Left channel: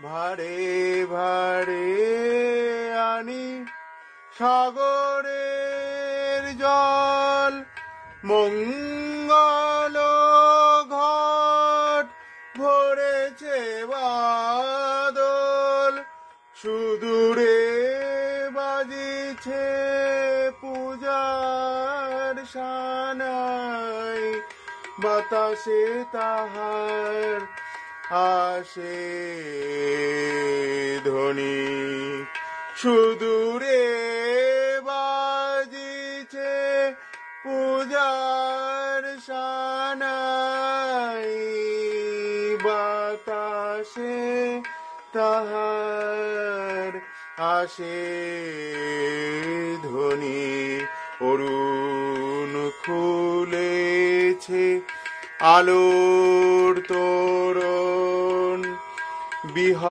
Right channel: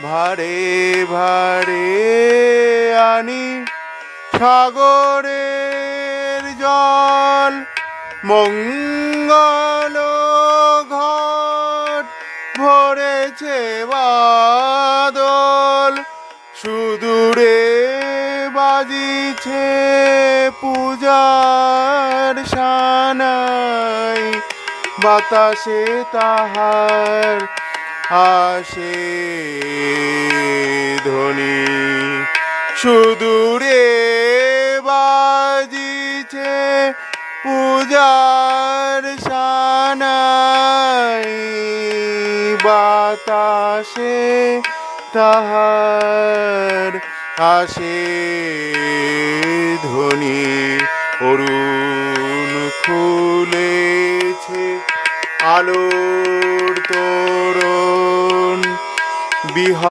ভারে ভারে আনি সাগরের জল, মঙ্গল ঘট ভরেছে বাদল, সুদূরে বাজিছে পূজার সানাই, বাতাসে তাহার আসে ধ্বনি, সুদূরে বাজিছে পূজার সানাই, বাতাসে তাহার আসে ধ্বনি। অরুণ খুলেছে আলোর তোরণ, বিহা